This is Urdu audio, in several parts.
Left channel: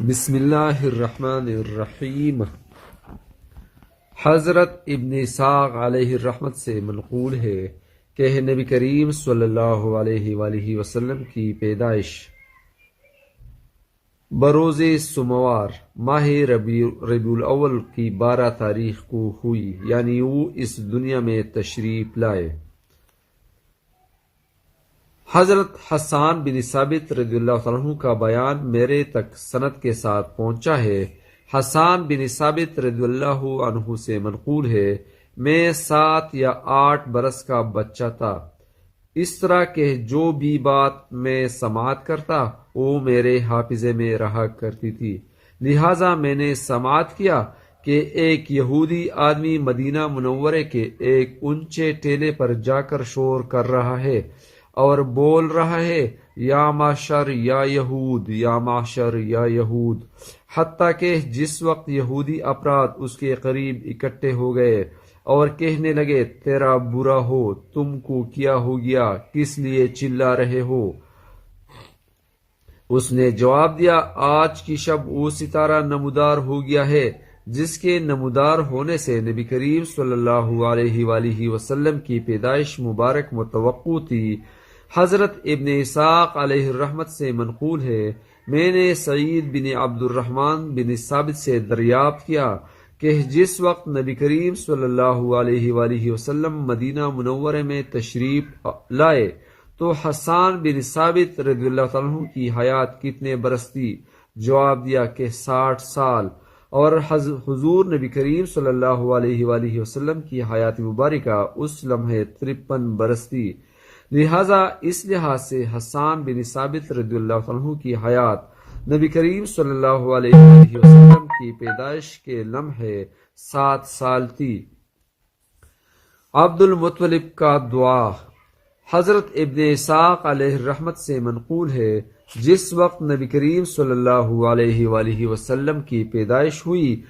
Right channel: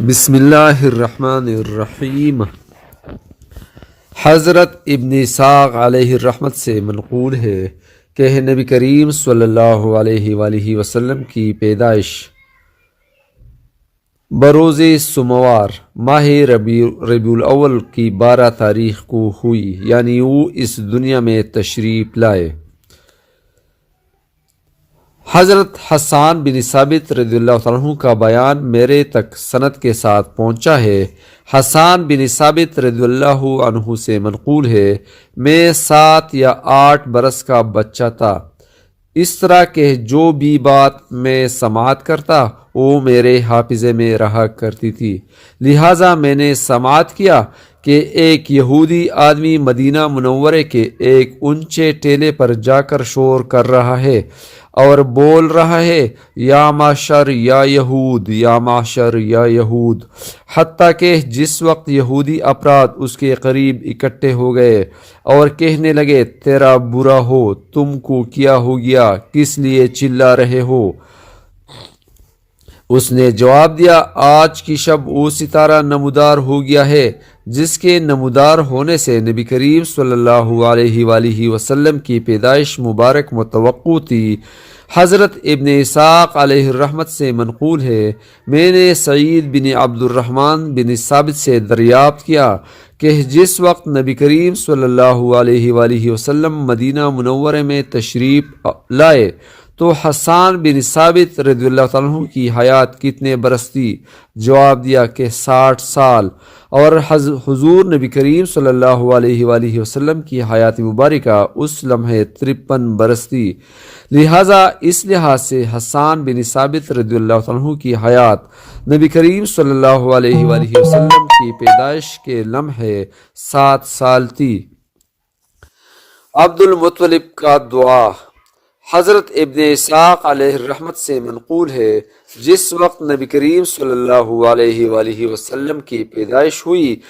بسم اللہ الرحمن الرحیم۔ حضرت ابن اسحاق علیہ الرحمت سے منقول ہے کہ نبی کریم صلی اللہ علیہ وآلہ وسلم کی پیدائش بروز سموار ماہ ربیع الاول کی 12 تاریخ کو ہوئی، یعنی وہ اس دنیا میں تشریف لائے۔ حضرت حسان بن ثابت رضی اللہ عنہ کا بیان میرے تک سند کے ساتھ پہنچا ہے۔ حسان بن ثابت رضی اللہ عنہ سے منقول ہے، میں 7 یا 8 برس کا بچہ تھا، اس طرح کہ جو بھی بات میں سماعت کرتا وہ میرے حافظے میں رہا کرتی تھی، لہٰذا میں نے سماعت کیا کہ ایک یہودی آدمی مدینہ منورے کے ایک اونچے ٹیلے پر جا کر شور کر رہا ہے اور بول رہا ہے، یا معشر یا یہود، یا معشر یا یہود، حتیٰ کہ جس وقت یہودی افراد اس کے قریب اکٹھے ہو گئے اور کہنے لگے، تیرا برا ہو، تم کو کیا ہو گیا، کس لیے چلا رہے ہو؟ اس نے جواب دیا، آج کی شب وہ ستارہ نمودار ہو گیا ہے جس کے نمودار ہونے سے نبی کریم صلی اللہ علیہ وآلہ وسلم کی پیدائش مبارک متوقع تھی۔ حضرت ابن اسحاق علیہ الرحمت سے منقول ہے، میں نے سعید بن عبد الرحمن بن ثابت سے دریافت کیا کہ جس وقت نبی کریم صلی اللہ علیہ وآلہ وسلم مدینہ منورے میں تشریف لائے تو حسان بن ثابت رضی اللہ عنہ کی حیات کتنے برس تھی؟ جواب دیا کہ 60 سال، اور حضور نبی کریم صلی اللہ علیہ وآلہ وسلم کی حیات مبارکہ اس لمحے 53 برس تھی، لہٰذا اس لحاظ سے حسان بن ثابت رضی اللہ عنہ کی حیات نبی کریم صلی اللہ علیہ وآلہ وسلم کی پیدائش کے لمحے 7 سال تھی۔ عبد المطلب کا دعا۔ حضرت ابن اسحاق علیہ الرحمت سے منقول ہے، جس وقت نبی کریم صلی اللہ علیہ وآلہ وسلم کی پیدائش ہوئی،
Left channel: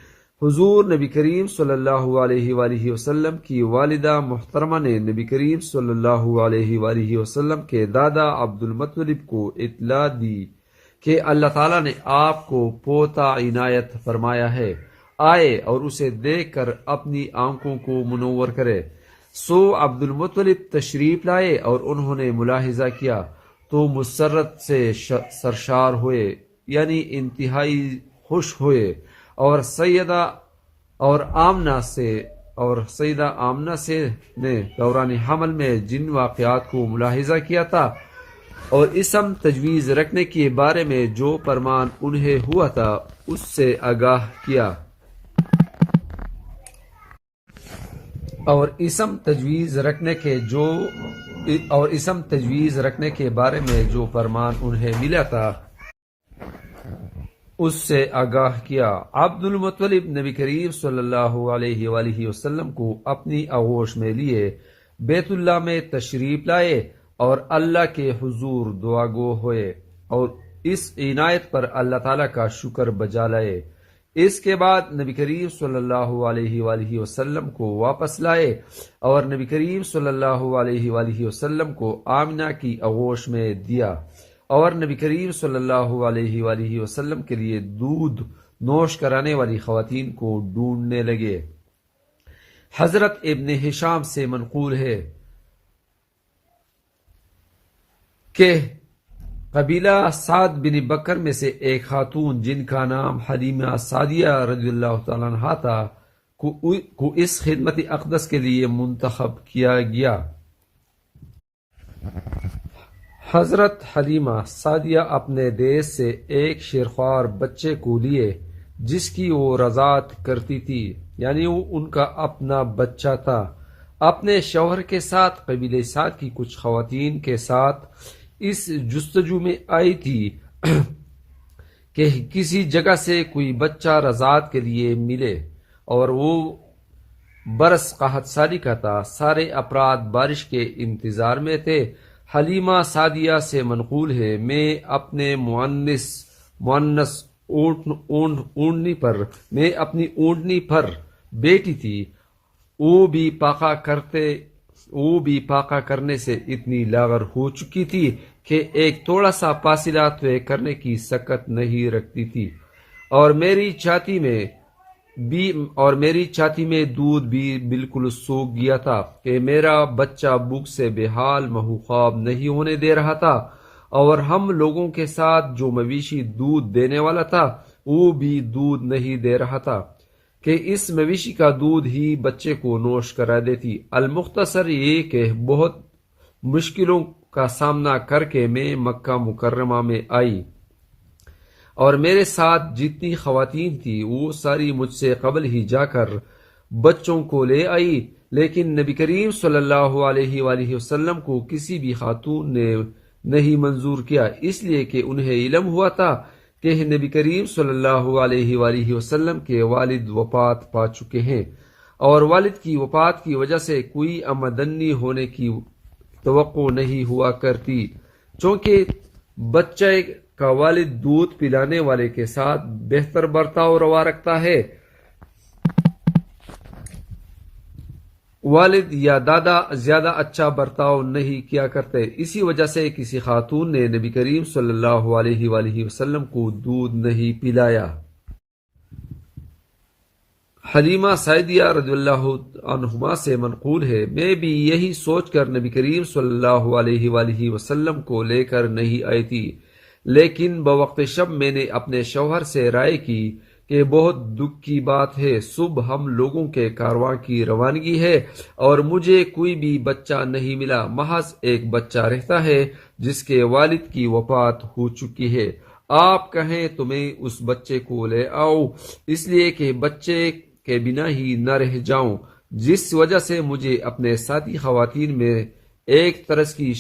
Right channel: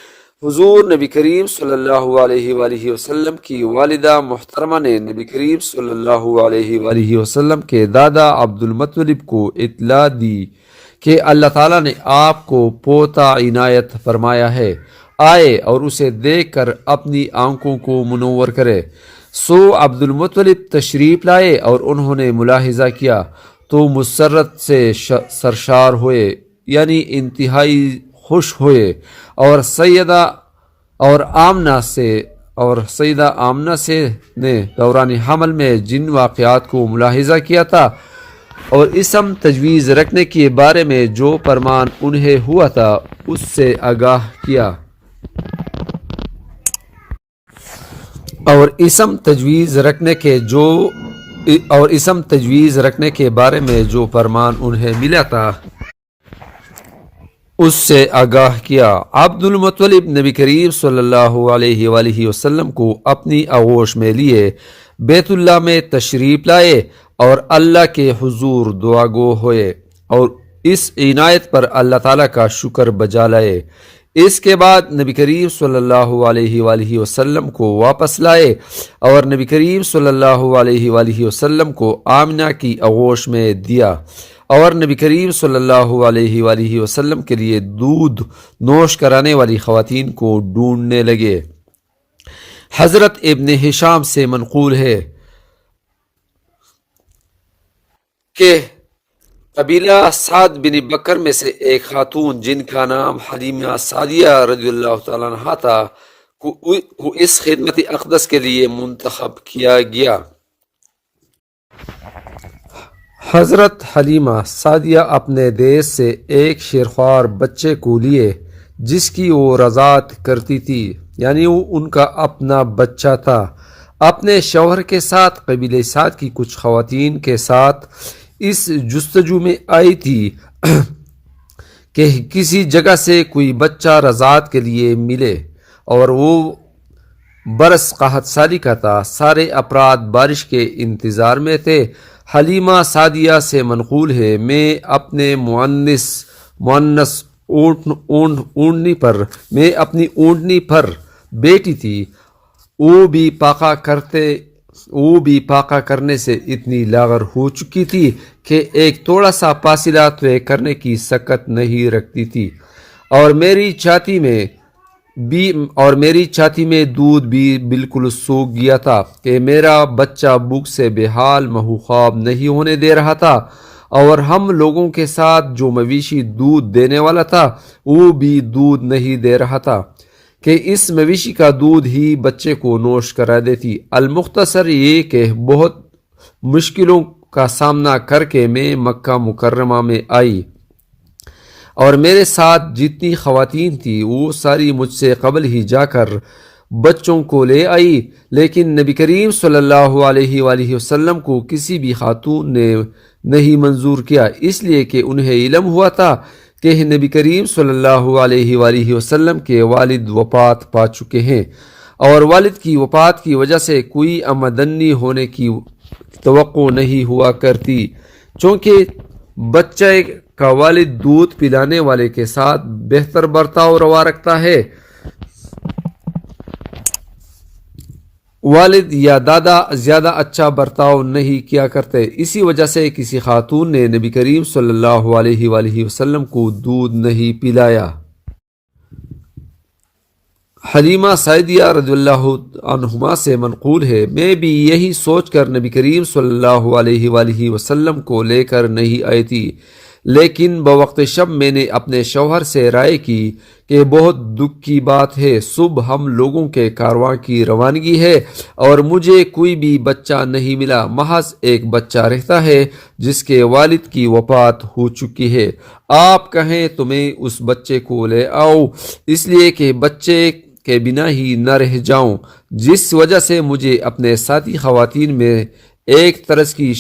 حضور نبی کریم صلی اللہ علیہ وآلہ وسلم کی والدہ محترمہ نے نبی کریم صلی اللہ علیہ وآلہ وسلم کے دادا عبد المطلب کو اطلاع دی کہ اللہ تعالیٰ نے آپ کو پوتا عنایت فرمایا ہے، آئے اور اسے دیکھ کر اپنی آنکھوں کو منور کرے۔ سو عبد المطلب تشریف لائے اور انہوں نے ملاحظہ کیا تو مسرت سے سرشار ہوئے، یعنی انتہائی خوش ہوئے، اور سیدہ آمنہ سے نے دوران حمل میں جن واقعات کو ملاحظہ کیا تھا اور اسم تجویز رکھنے کے بارے میں جو فرمان انہیں ہوا تھا اس سے آگاہ کیا، اور اسم تجویز رکھنے کے بارے میں جو فرمان انہیں ملا تھا اس سے آگاہ کیا۔ عبد المطلب نبی کریم صلی اللہ علیہ وآلہ وسلم کو اپنی آغوش میں لیے بیت اللہ میں تشریف لائے اور اللہ کے حضور دعا گو ہوئے اور اس عنایت پر اللہ تعالیٰ کا شکر بجا لائے۔ اس کے بعد نبی کریم صلی اللہ علیہ وآلہ وسلم کو واپس لائے اور نبی کریم صلی اللہ علیہ وآلہ وسلم کو آمنہ کی آغوش میں دیا اور نبی کریم صلی اللہ علیہ وآلہ وسلم کے لیے دودھ نوش کرانے والی خواتین کو ڈھونڈنے لگے۔ حضرت ابن ہشام سے منقول ہے کہ قبیلہ سعد بن بکر میں سے ایک خاتون جن کا نام حلیمہ سعدیہ رضی اللہ تعالیٰ عنہا تھا کو اس خدمت اقدس کے لیے منتخب کیا گیا۔ حضرت حلیمہ سعدیہ اپنے دیش سے ایک شیرخوار بچے کو لیے جس کی وہ رضاعت کرتی تھی، یعنی وہ ان کا اپنا بچہ تھا، اپنے شوہر کے ساتھ قبیلہ سعد کی کچھ خواتین کے ساتھ اس جستجو میں آئی تھی کہ کسی جگہ سے کوئی بچہ رضاعت کے لیے ملے، اور وہ برس قحط سالی کا تھا، سارے افراد بارش کے انتظار میں تھے۔ حلیمہ سعدیہ سے منقول ہے، میں اپنے مؤنث اونٹنی پر بیٹی تھی، وہ بھی پاکا کرنے سے اتنی لاغر ہو چکی تھی کہ ایک تھوڑا سا فاصلہ طے کرنے کی سکت نہیں رکھتی تھی۔ اور میری چھاتی میں دودھ بھی بالکل سوکھ گیا تھا کہ میرا بچہ بھوک سے بے حال محو خواب نہیں ہونے دے رہا تھا، اور ہم لوگوں کے ساتھ جو مویشی دودھ دینے والا تھا وہ بھی دودھ نہیں دے رہا تھا کہ اس مویشی کا دودھ ہی بچے کو نوش کرا دیتی۔ المختصر یہ کہ بہت مشکلوں کا سامنا کر کے میں مکہ مکرمہ میں آئی، اور میرے ساتھ جتنی خواتین تھی وہ ساری مجھ سے قبل ہی جا کر بچوں کو لے آئی، لیکن نبی کریم صلی اللہ علیہ وآلہ وسلم کو کسی بھی خاتون نے نہیں منظور کیا، اس لیے کہ انہیں علم ہوا تھا کہ نبی کریم صلی اللہ علیہ وآلہ وسلم کے والد وفات پا چکے ہیں، اور والد کی وفات کی وجہ سے کوئی آمدنی ہونے کی توقع نہیں ہوا کرتی، چونکہ بچے کا والد دودھ پلانے والے کے ساتھ بہتر برتاؤ روا رکھتا ہے، والد یا دادا زیادہ اچھا برتاؤ نہیں کیا کرتے۔ اسی وجہ سے کسی خاتون نے نبی کریم صلی اللہ علیہ وآلہ وسلم کو دودھ نہیں پلایا۔ حلیمہ سعدیہ رضی اللہ عنہما سے منقول ہے، میں بھی یہی سوچ کر نبی کریم صلی اللہ علیہ وآلہ وسلم کو لے کر نہیں آئی تھی، لیکن بوقت شب میں نے اپنے شوہر سے رائے کی کہ بہت دکھ کی بات ہے، صبح ہم لوگوں کے کارواں کی روانگی ہے اور مجھے کوئی بھی بچہ نہیں ملا، محض ایک بچہ رہتا ہے جس کے والد کی وفات ہو چکی ہے، آپ کہیں تو میں اس بچے کو لے آؤں، اس لیے کہ بچے کے بنا ہی نہ رہ جاؤں، جس وجہ سے مجھے اپنے ساتھی خواتین میں ایک طرز کی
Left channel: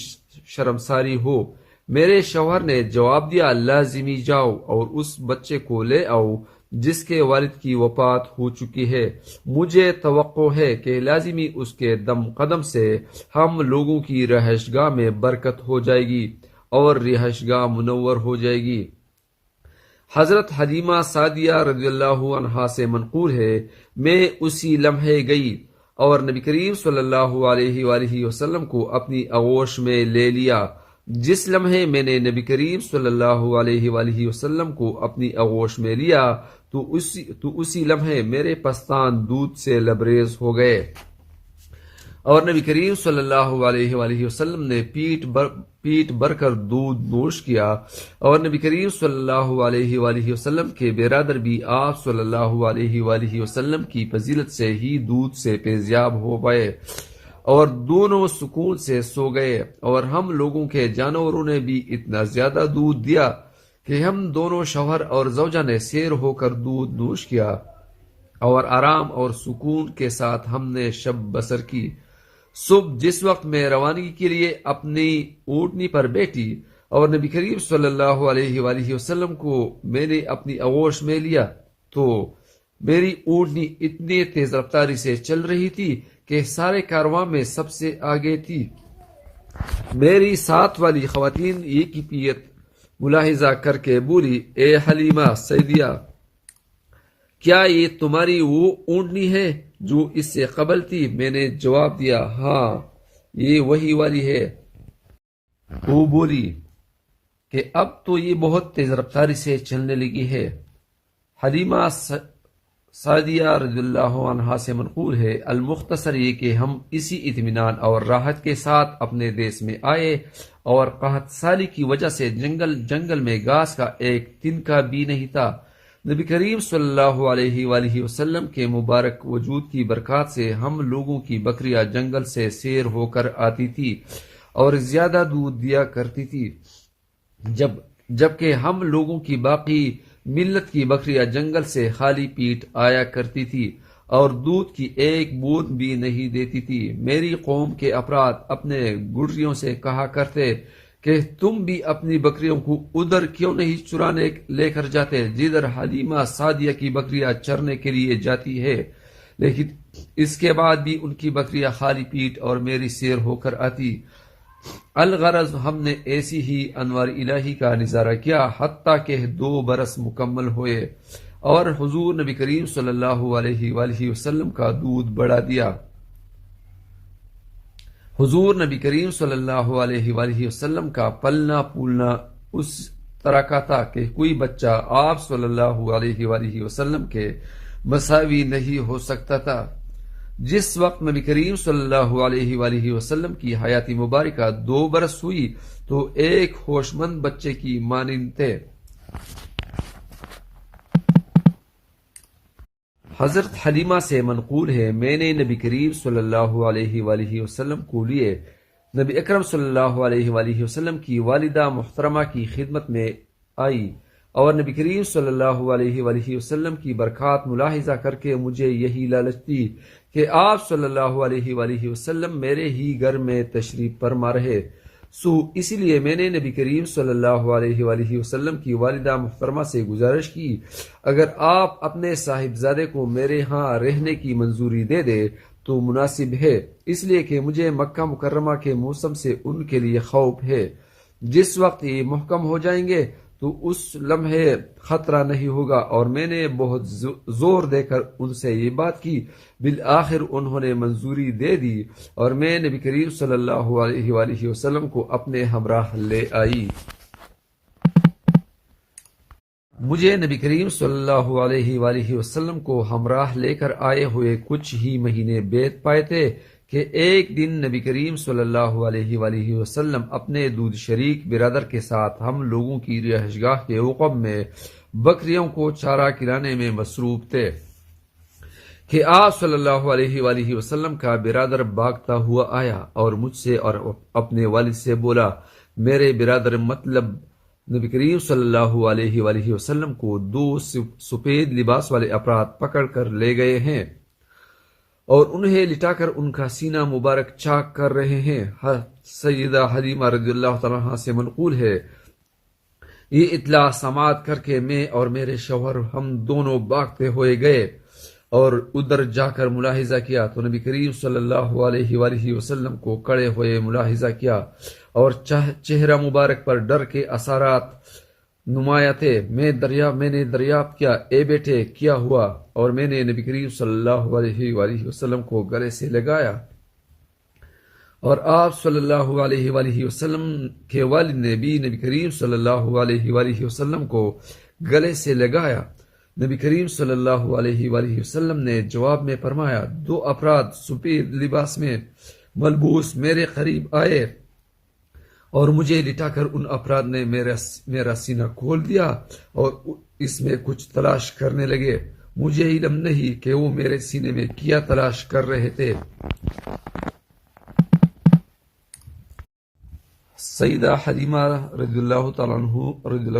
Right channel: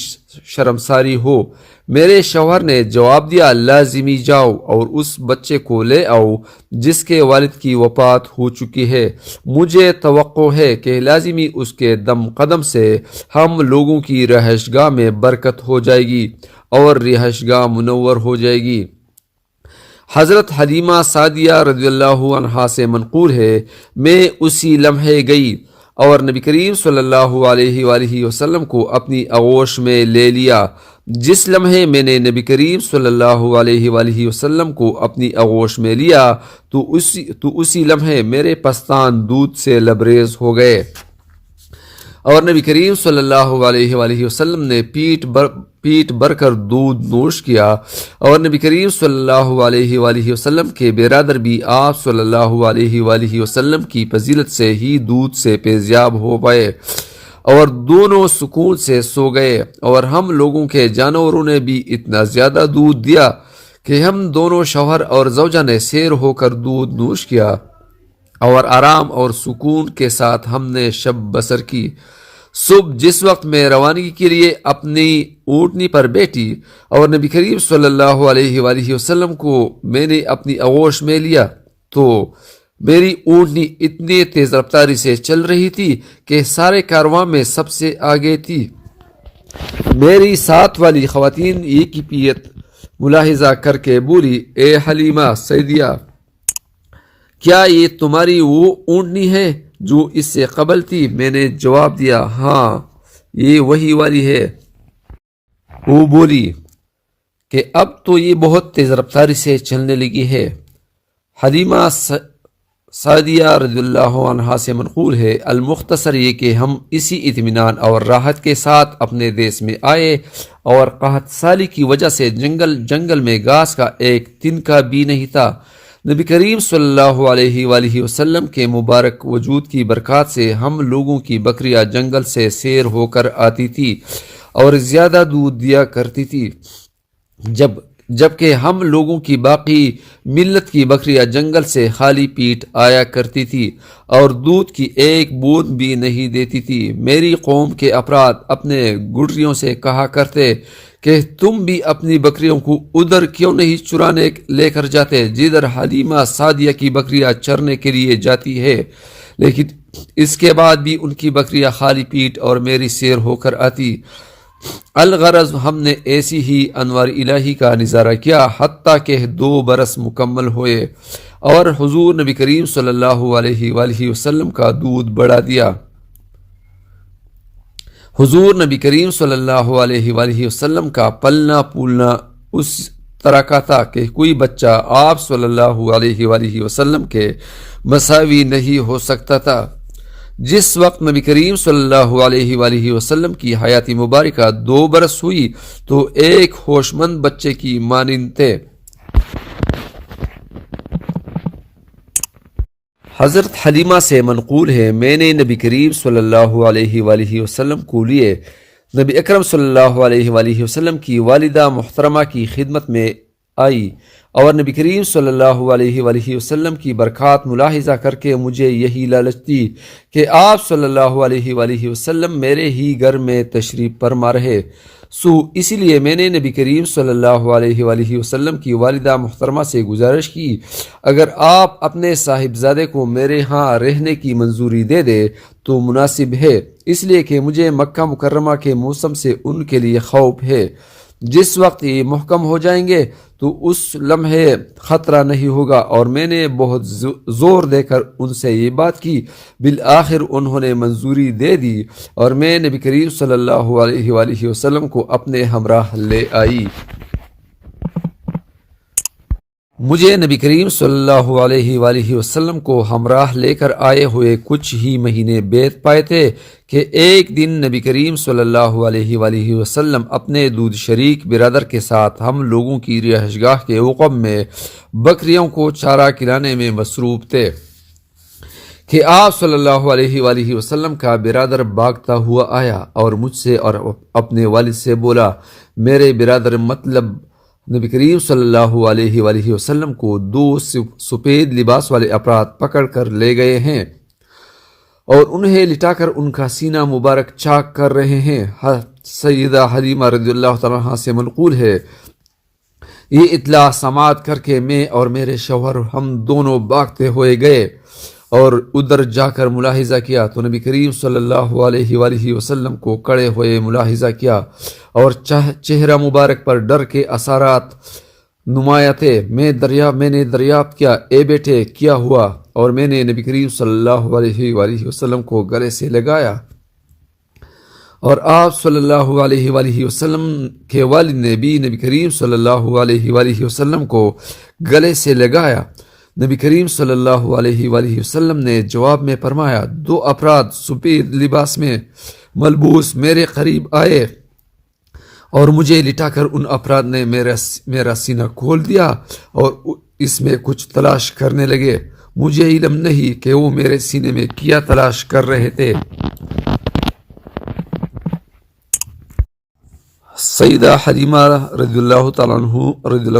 شرمساری ہو۔ میرے شوہر نے جواب دیا، لازمی جاؤ اور اس بچے کو لے آؤ جس کے والد کی وفات ہو چکی ہے، مجھے توقع ہے کہ لازمی اس کے دم قدم سے ہم لوگوں کی رہائش گاہ میں برکت ہو جائے گی اور رہائش گاہ منور ہو جائے گی۔ حضرت حلیمہ سعدیہ رضی اللہ عنہا سے منقول ہے، میں اسی لمحے گئی اور نبی کریم صلی اللہ علیہ وآلہ وسلم کو اپنی آغوش میں لے لیا۔ جس لمحے میں نے نبی کریم صلی اللہ علیہ وآلہ وسلم کو اپنی آغوش میں لیا تو اسی لمحے میرے پستان دودھ سے لبریز ہو گئے، اور نبی کریم صلی اللہ علیہ وآلہ وسلم نے پیٹ بھر کر دودھ نوش کیا، اور نبی کریم صلی اللہ علیہ وآلہ وسلم کے برادر بھی آپ صلی اللہ علیہ وآلہ وسلم کی فضیلت سے ہی دودھ سے فیضیاب ہو گئے اور دونوں سکون سے سو گئے، اور ہم لوگوں کے جانوروں نے بھی اتنا زیادہ دودھ دیا کہ ہم دونوں شوہر اور زوجہ نے سیر ہو کر دودھ نوش کیا اور آرام اور سکون کے ساتھ ہم نے شب بسر کی۔ صبح جس وقت میں روانگی کے لیے اپنی اونٹنی پر بیٹھی اور نبی کریم صلی اللہ علیہ وآلہ وسلم کو میں نے اپنی آغوش میں لیا تو میری اونٹنی اتنی تیز رفتاری سے چل رہی تھی کہ سارے کارواں میں سب سے آگے تھی۔ میری ساتھ والی خواتین یہ کیفیت ملاحظہ کر کے بولی، اے حلیمہ سعدیہ، کیا یہ تمہاری وہ اونٹنی ہے جو اس سے قبل تھی؟ میں نے جواب دیا، ہاں یہ وہی والی ہے۔ وہ بولی کہ اب تو یہ بہت تیز رفتاری سے چلنے لگی ہے۔ حلیمہ سعدیہ رضی اللہ عنہا سے منقول ہے، المختصر یہ کہ ہم اسی اطمینان اور راحت کے ساتھ اپنے دیس میں آئے، اور قحط سالی کی وجہ سے جنگل میں گھاس کا ایک تنکا بھی نہیں تھا۔ نبی کریم صلی اللہ علیہ وآلہ وسلم کے مبارک وجود کی برکات سے ہم لوگوں کی بکریاں جنگل سے سیر ہو کر آتی تھی اور زیادہ دودھ دیا کرتی تھی، جبکہ ہم لوگوں کی باقی ملت کی بکریاں جنگل سے خالی پیٹ آیا کرتی تھی اور دودھ کی ایک بوند بھی نہیں دیتی تھی۔ میری قوم کے افراد اپنے گڈریوں سے کہا کرتے کہ تم بھی اپنی بکریوں کو ادھر کیوں نہیں چرانے لے کر جاتے جدھر حلیمہ سعدیہ کی بکریاں چرنے کے لیے جاتی ہے، لیکن اس کے بعد بھی ان کی بکریاں خالی پیٹ اور میری سیر ہو کر آتی۔ الغرض ہم نے ایسی ہی انوار الہی کا نظارہ کیا حتیٰ کہ 2 برس مکمل ہوئے اور حضور نبی کریم صلی اللہ علیہ وآلہ وسلم کا دودھ بڑھا دیا۔ حضور نبی کریم صلی اللہ علیہ وآلہ وسلم کا پلنا پولنا طرح کا تھا کہ کوئی بچہ آپ صلی اللہ علیہ وآلہ وسلم کے مساوی نہیں ہو سکتا تھا۔ جس وقت نبی کریم صلی اللہ علیہ وآلہ وسلم کی حیات مبارکہ 2 برس ہوئی تو ایک ہوش مند بچے کی مانند تھے۔ حضرت حلیمہ سے منقول ہے، میں نے نبی کریم صلی اللہ علیہ وآلہ وسلم کو لیے نبی اکرم صلی اللہ علیہ وآلہ وسلم کی والدہ محترمہ کی خدمت میں آئی اور نبی کریم صلی اللہ علیہ وآلہ وسلم کی برکات ملاحظہ کر کے مجھے یہی لالچ دی کہ آپ صلی اللہ علیہ وآلہ وسلم میرے ہی گھر میں تشریف فرما رہے اسی لیے میں نے نبی کریم صلی اللہ علیہ وآلہ وسلم کی والدہ محترمہ سے گزارش کی، اگر آپ اپنے صاحبزادے کو میرے ہاں رہنے کی منظوری دے دے تو مناسب ہے، اس لیے کہ مجھے مکہ مکرمہ کے موسم سے ان کے لیے خوف ہے۔ جس وقت یہ محکم ہو جائیں گے تو اس لمحے خطرہ نہیں ہوگا، اور میں نے بہت زور دے کر ان سے یہ بات کی، بالآخر انہوں نے منظوری دے دی اور میں نبی کریم صلی اللہ علیہ وآلہ وسلم کو اپنے ہمراہ لے آئی۔ مجھے نبی کریم صلی اللہ علیہ وآلہ وسلم کو ہمراہ لے کر آئے ہوئے کچھ ہی مہینے بیت پائے تھے کہ ایک دن نبی کریم صلی اللہ علیہ وآلہ وسلم اپنے دودھ شریک برادر کے ساتھ ہم لوگوں کی رہائش گاہ کے عقب میں بکریوں کو چارہ کھلانے میں مصروف تھے کہ آپ صلی اللہ علیہ وآلہ وسلم کا برادر بھاگتا ہوا آیا اور مجھ سے اور اپنے والد سے بولا، میرے برادر مطلب نبی کریم صلی اللہ علیہ وآلہ وسلم کو 2 سفید لباس والے افراد پکڑ کر لے گئے ہیں اور انہیں لٹا کر ان کا سینہ مبارک چاک کر رہے ہیں۔ سیدہ حلیمہ رضی اللہ تعالیٰ عنہا سے منقول ہے، یہ اطلاع سماعت کر کے میں اور میرے شوہر ہم دونوں بھاگتے ہوئے گئے اور ادھر جا کر ملاحظہ کیا تو نبی کریم صلی اللہ علیہ وآلہ وسلم کو کھڑے ہوئے ملاحظہ کیا اور چہرہ مبارک پر ڈر کے اثرات نمایاں تھے۔ میں نے دریافت کیا، اے بیٹے کیا ہوا؟ اور میں نے نبی کریم صلی اللہ علیہ وآلہ وسلم کو گلے سے لگایا اور آپ صلی اللہ علیہ وآلہ وسلم کے والد نے بھی نبی کریم صلی اللہ علیہ وآلہ وسلم کو گلے سے لگایا۔ نبی کریم صلی اللہ علیہ وآلہ وسلم نے جواب میں فرمایا، 2 افراد سفید لباس میں ملبوس میرے قریب آئے اور مجھے لٹا کر ان افراد نے میرا سینہ کھول دیا اور اس میں کچھ تلاش کرنے لگے، مجھے علم نہیں کہ وہ میرے سینے میں کیا تلاش کر رہے تھے۔ سیدہ حلیمہ رضی اللہ تعالیٰ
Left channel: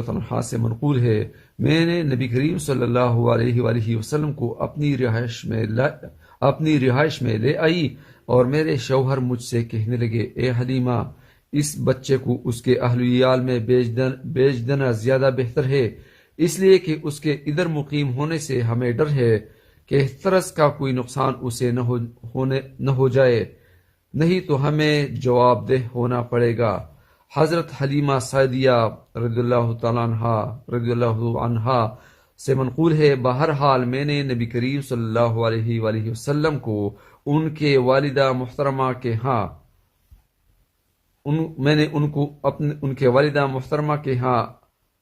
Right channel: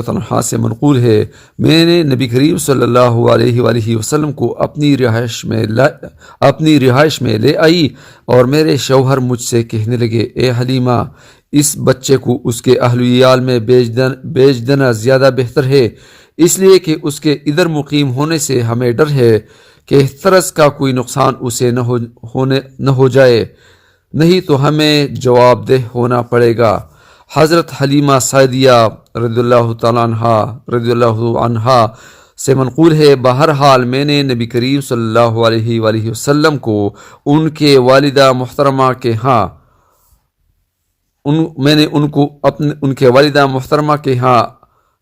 عنہ سے منقول ہے، میں نے نبی کریم صلی اللہ علیہ وآلہ وسلم کو اپنی رہائش میں لے آئی اور میرے شوہر مجھ سے کہنے لگے، اے حلیمہ، اس بچے کو اس کے اہل ویال میں بیچ دینا زیادہ بہتر ہے، اس لیے کہ اس کے ادھر مقیم ہونے سے ہمیں ڈر ہے کہ طرز کا کوئی نقصان اسے نہ ہو جائے، نہیں تو ہمیں جواب دہ ہونا پڑے گا۔ حضرت حلیمہ سعدیہ رضی اللہ عنہا سے منقول ہے، بہرحال میں نے نبی کریم صلی اللہ علیہ وآلہ وسلم کو ان کے والدہ محترمہ کے ہاں ان کے والدہ محترمہ کے ہاں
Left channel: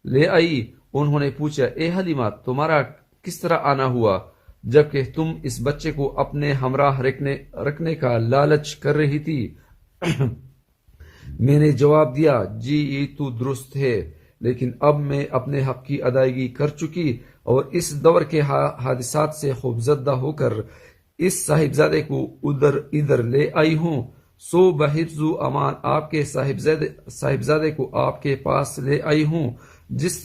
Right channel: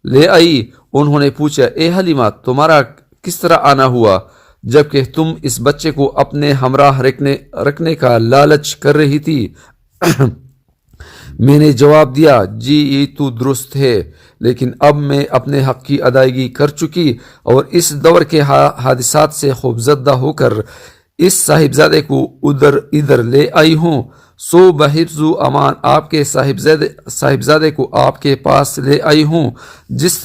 لے آئی۔ انہوں نے پوچھا، اے حلیمہ، تمہارا کس طرح آنا ہوا جبکہ تم اس بچے کو اپنے ہمراہ رکھنے کا لالچ کر رہی تھی؟ میں نے جواب دیا، جی یہ تو درست ہے، لیکن اب میں اپنے حق کی ادائیگی کر چکی اور اس دور کے حادثات سے خوفزدہ ہو کر اس صاحبزادے کو ادھر لے آئی ہوں، سو بحفظ و امان آپ کے صاحبزادے کو آپ کے پاس لے آئی ہوں، جس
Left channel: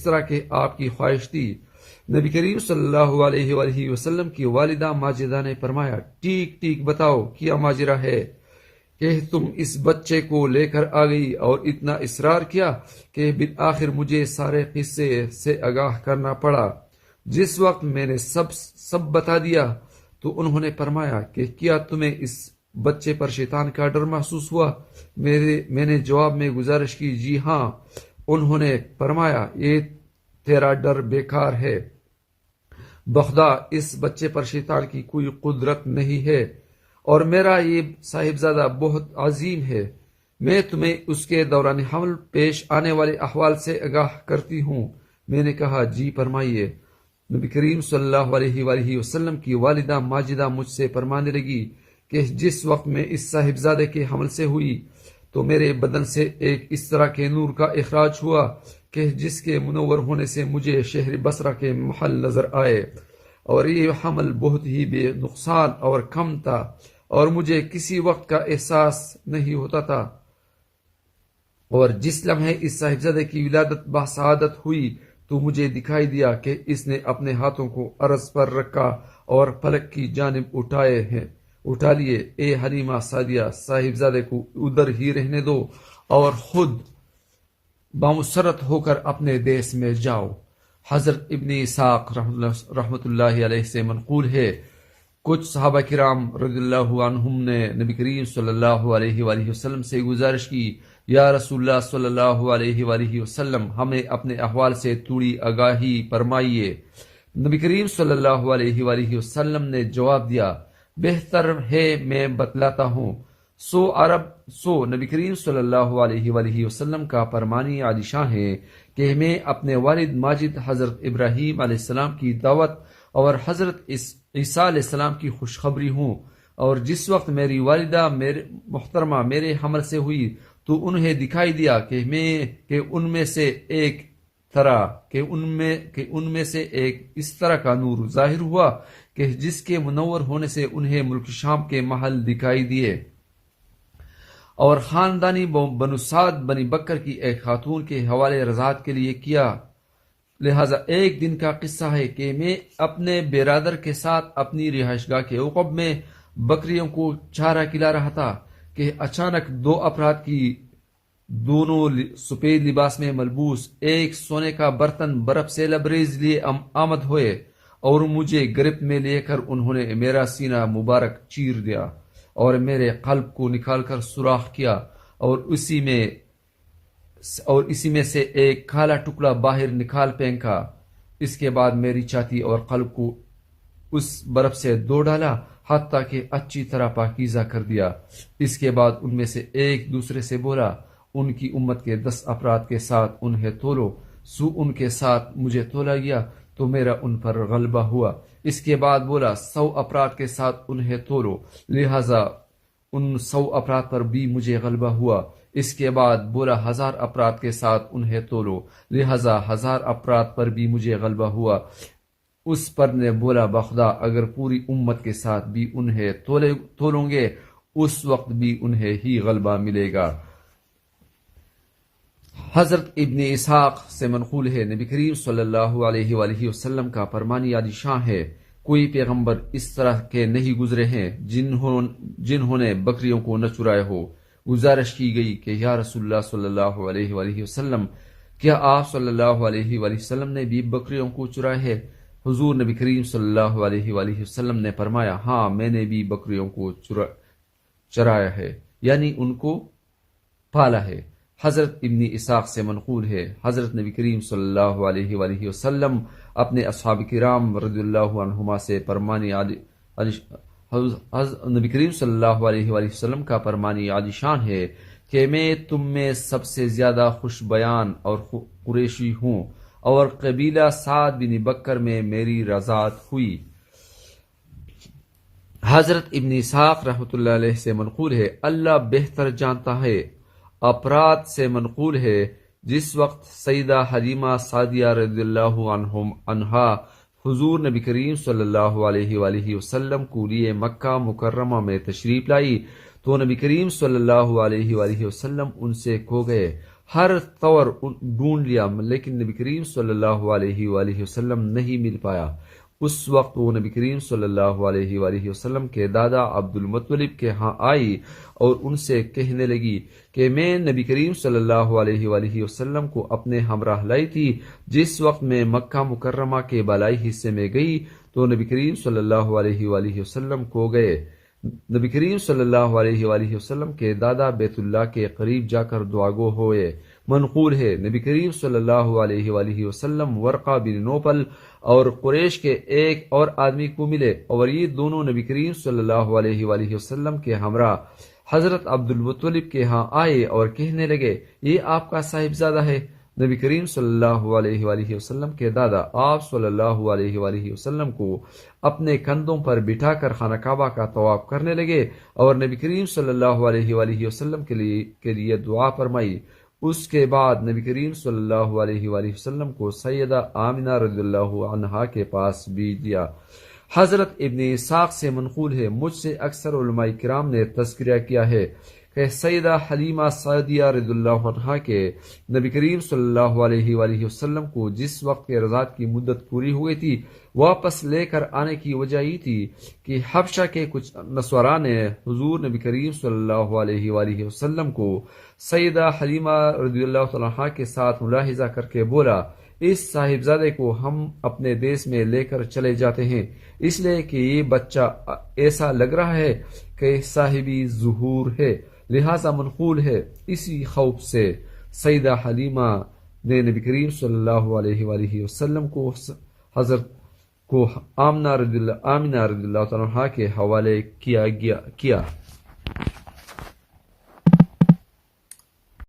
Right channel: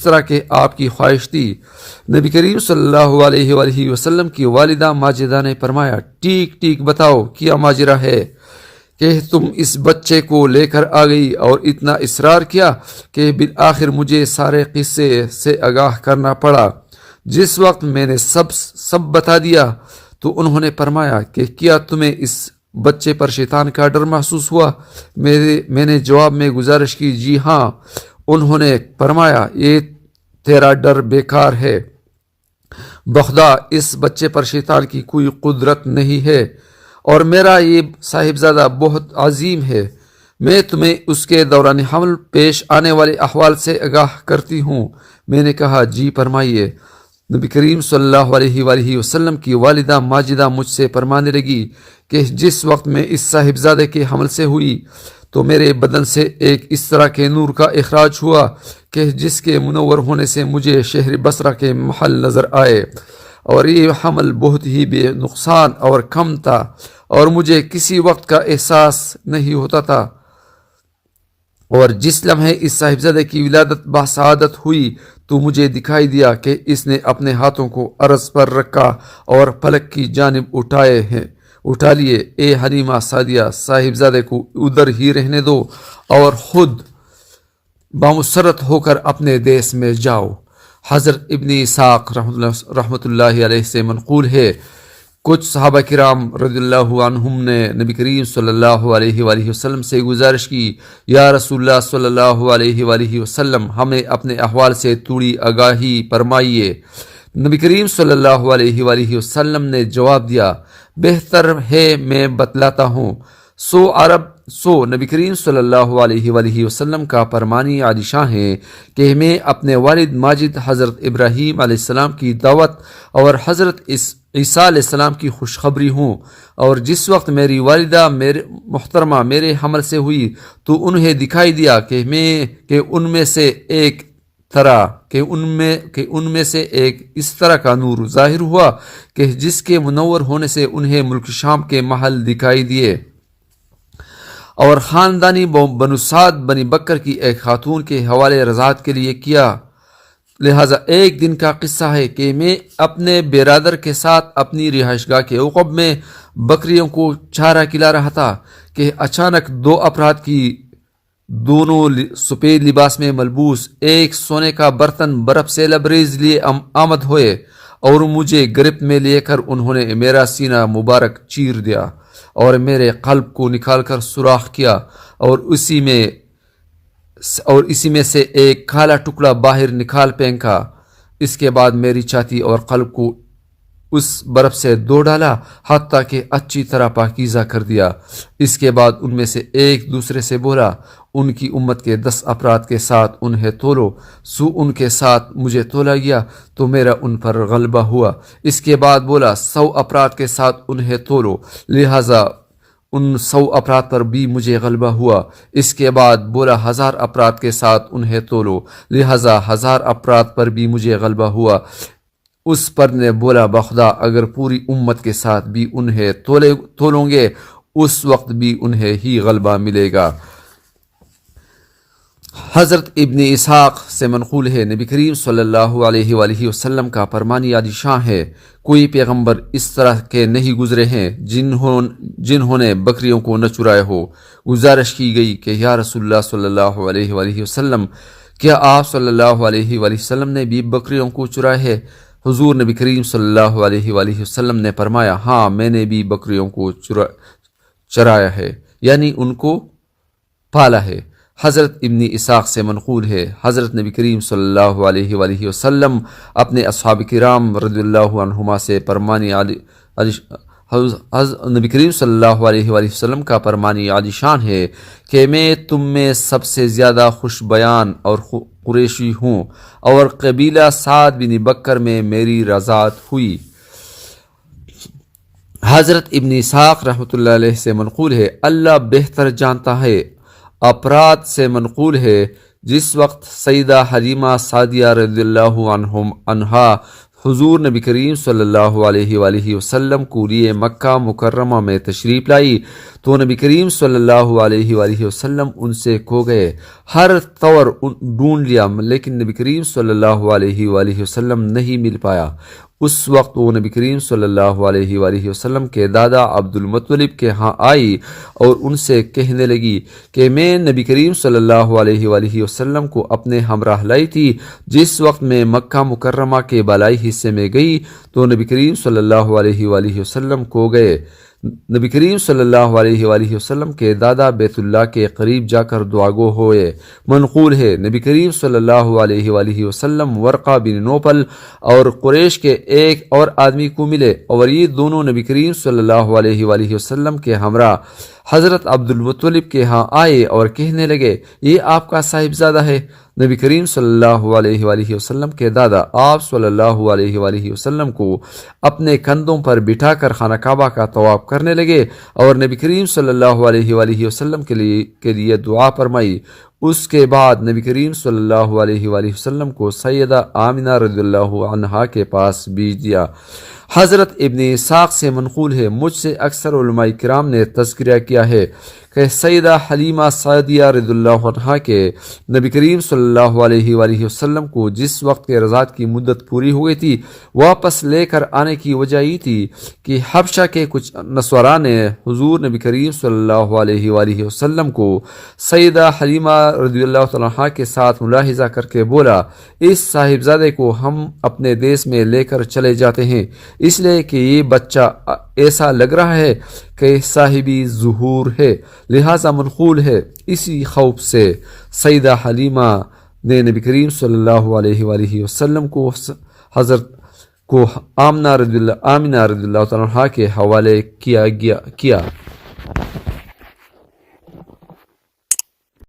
طرح کہ آپ کی خواہش تھی۔ نبی کریم صلی اللہ علیہ وآلہ وسلم کی والدہ ماجدہ نے فرمایا، ٹھیک بتاؤ کیا ماجرا ہے کہ تم اس بچے کو لے کر آ گئی اور اتنا اصرار کیا کہ بالآخر مجھے سارے قصے سے آگاہ کرنا پڑا۔ جس وقت میں نے سب بتا دیا تو انہوں نے فرمایا کہ کیا تمہیں اس بچے پر شیطان کا ڈر محسوس ہوا؟ میں نے جواب میں گزارش کی، جی ہاں۔ انہوں نے فرمایا، یہ تیرا ڈر بیکار ہے، بخدا اس بچے پر شیطان کی کوئی قدرت نہیں ہے اور میرا یہ صاحبزادہ بہت عظیم ہے، میں تمہیں اس کے دوران حمل پیش آنے والے احوال سے آگاہ کرتی ہوں۔ میں نے کہا جی فرمائیے۔ نبی کریم صلی اللہ علیہ وآلہ وسلم کی والدہ ماجدہ مجھ سے فرمانے لگی کہ جس وقت میں اس صاحبزادے کے حمل سے ہوئی تو میرے بدن سے ایک اس طرح کے نور کا اخراج ہوا کہ جس کے منور ہونے سے مجھے شہر بصرہ کے محل نظر آئے، اور یہ حمل بہت ہی بے نقصان اور کم تھا، اور مجھے کسی وقت کا احساس نہیں ہوتا تھا، اور جس لمحے اس صاحبزادے کی ولادت بسعادت ہوئی تو مجھے دکھائی دیا کہ اس نے اپنے ہاتھوں کو عرض پر رکھا اور فلک کی جانب اٹھا لیے۔ اے حلیمہ سعدیہ، صاحبزادے کو ادھر ہی رہنے دو اور خود بامسرت ہو کر اپنے دیس میں جاؤ۔ حضرت ابن اسحاق رحمۃ اللہ علیہ سے منقول ہے، کچھ صحابہ کرام رضی اللہ عنہم نے نبی کریم صلی اللہ علیہ وآلہ وسلم سے گزارش کی، یا رسول اللہ صلی اللہ علیہ وآلہ وسلم، ہمیں اپنے احوال سے تھوڑی آگاہی فرمائیے۔ نبی کریم صلی اللہ علیہ وآلہ وسلم نے جواب دیا، بہتر ہے میں بتلاتا ہوں۔ نبی کریم صلی اللہ علیہ وآلہ وسلم کا فرمانی عالی شان ہے کہ میں اپنے والد ماجد حضرت ابراہیم علیہ السلام کی دعوت اور حضرت عیسیٰ علیہ السلام کی خوشخبری ہوں، اور جس وقت میری والدہ محترمہ میرے حمل سے ہوئی تو انہیں دکھائی دیا کہ ان میں سے ایک اس طرح کا نور ظاہر ہوا کہ جس کے منور ہونے سے انہیں ملک شام کے محل دکھائی دیے، اور خاندانی بنو سعد بنی بکر کی ایک خاتون کے حوالے رضاعت کے لیے کیا۔ لہذا ایک دن کا قصہ ہے کہ میں اپنے برادر کے ساتھ اپنی رہائش گاہ کے عقب میں بکریوں کو چارہ کھلا رہا تھا کہ اچانک دو افراد کی دونوں سفید لباس میں ملبوس، ایک سونے کا برتن برف سے لبریز لیے آمد ہوئے، اور مجھے گرفت میں لے کر انہوں نے میرا سینہ مبارک چیر دیا اور میرے قلب کو نکال کر سوراخ کیا، اور اسی میں سے ایک کالا ٹکڑا باہر نکال پھینکا۔ اس کے بعد میری چھاتی اور قلب کو اس برف سے دھو ڈالا حتیٰ کہ اچھی طرح پاکیزہ کر دیا۔ اس کے بعد ان میں سے ایک دوسرے سے بولا، ان کی امت کے 10 افراد کے ساتھ انہیں تولو۔ ان کے ساتھ مجھے تولا گیا تو میرا ان پر غلبہ ہوا۔ اس کے بعد بولا، 100 افراد کے ساتھ انہیں تولو، لہٰذا ان 100 افراد پر بھی مجھے غلبہ ہوا۔ اس کے بعد بولا، 1000 افراد کے ساتھ انہیں تولو، لہٰذا 1000 افراد پر بھی مجھے غلبہ ہوا۔ اس پر نے بولا، بخدا اگر پوری امت کے ساتھ بھی انہیں تولوں گے اس وقت بھی انہیں ہی غلبہ ملے گا۔ حضرت ابن اسحاق سے منقول ہے، نبی کریم صلی اللہ علیہ وآلہ وسلم کا فرمانی عالی شان ہے، کوئی پیغمبر اس طرح کے نہیں گزرے ہیں جنہوں نے بکریوں کو نہ چرائے ہو۔ گزارش کی گئی کہ یا رسول اللہ صلی اللہ علیہ وآلہ وسلم، کیا آپ صلی اللہ علیہ وآلہ وسلم نے بھی بکریوں کو چرائے ہے؟ حضور نبی کریم صلی اللہ علیہ وآلہ وسلم نے فرمایا، ہاں میں نے بھی بکریوں کو چرایا ہے، یعنی ان کو پالا ہے۔ حضرت ابن اسحاق سے منقول ہے، حضرت نبی کریم صلی اللہ علیہ وآلہ وسلم اپنے اصحاب کرام رضی اللہ عنہما سے فرمانی نبی کریم صلی اللہ علیہ وآلہ وسلم کا فرمانی عالی شان ہے کہ میں تم میں سب سے زیادہ خوش بیان اور قریشی ہوں، اور قبیلہ سعد بن بکر میں میری رضاعت ہوئی۔ حضرت ابن اسحاق رحمۃ اللہ علیہ سے منقول ہے، اللہ بہتر جانتا ہے۔ افراد سے منقول ہے، جس وقت سیدہ حلیمہ سعدیہ رضی اللہ عنہا حضور نبی کریم صلی اللہ علیہ وآلہ وسلم کو لیے مکہ مکرمہ میں تشریف لائی تو نبی کریم صلی اللہ علیہ وآلہ وسلم ان سے کھو گئے۔ ہر طور ڈھونڈ لیا لیکن نبی کریم صلی اللہ علیہ وآلہ وسلم نہیں مل پایا۔ اس وقت وہ نبی کریم صلی اللہ علیہ وآلہ وسلم کے دادا عبد المطلب کے ہاں آئی اور ان سے کہنے لگی کہ میں نبی کریم صلی اللہ علیہ وآلہ وسلم کو اپنے ہمراہ لائی تھی۔ جس وقت میں مکہ مکرمہ کے بالائی حصے میں گئی تو نبی کریم صلی اللہ علیہ وآلہ وسلم کو گئے۔ نبی کریم صلی اللہ علیہ وآلہ وسلم کے دادا بیت اللہ کے قریب جا کر دعا گو ہوئے۔ منقول ہے نبی کریم صلی اللہ علیہ وآلہ وسلم ورقہ بن نوفل اور قریش کے ایک اور آدمی کو ملے اور یہ دونوں نبی کریم صلی اللہ علیہ وآلہ وسلم کے ہمراہ حضرت عبد المطلب کے ہاں آئے اور کہنے لگے یہ آپ کا صاحبزادہ ہے۔ نبی کریم صلی اللہ علیہ وآلہ وسلم کے دادا آپ صلی اللہ علیہ وآلہ وسلم کو اپنے کندھوں پر بٹھا کر خانہ کعبہ کا طواف کرنے لگے اور نبی کریم صلی اللہ علیہ وآلہ وسلم کے لیے دعا فرمائی۔ اس کے بعد نبی کریم صلی اللہ علیہ وآلہ وسلم کو سیدہ آمنہ رضی اللہ عنہا کے پاس بھیج دیا۔ حضرت ابن اسحاق سے منقول ہے، مجھ سے اکثر علماء کرام نے تذکرہ کیا ہے کہ سیدہ حلیمہ سعدیہ رضی اللہ عنہا کے نبی کریم صلی اللہ علیہ وآلہ وسلم کو جس وقت کے رضاعت کی مدت پوری ہو گئی تھی واپس لے کر آنے کی وجہ یہ تھی کہ حبشہ کے کچھ نصارا نے حضور نبی کریم صلی اللہ علیہ وآلہ وسلم کو سیدہ حلیمہ رضی اللہ عنہا کے ساتھ ملاحظہ کر کے بولا اس صاحبزادے کو ہم اپنے دیس میں لے کر چلے جاتے ہیں اس لیے کہ یہ بچہ ایسا لگ رہا ہے کہ صاحبی ظہور ہے، لہذا منقول ہے۔ اسی خوف سے سیدہ حلیمہ نے نبی کریم صلی اللہ علیہ وآلہ وسلم کو حضرت کو آمنہ رضی اللہ عنہا کے حوالے کیا۔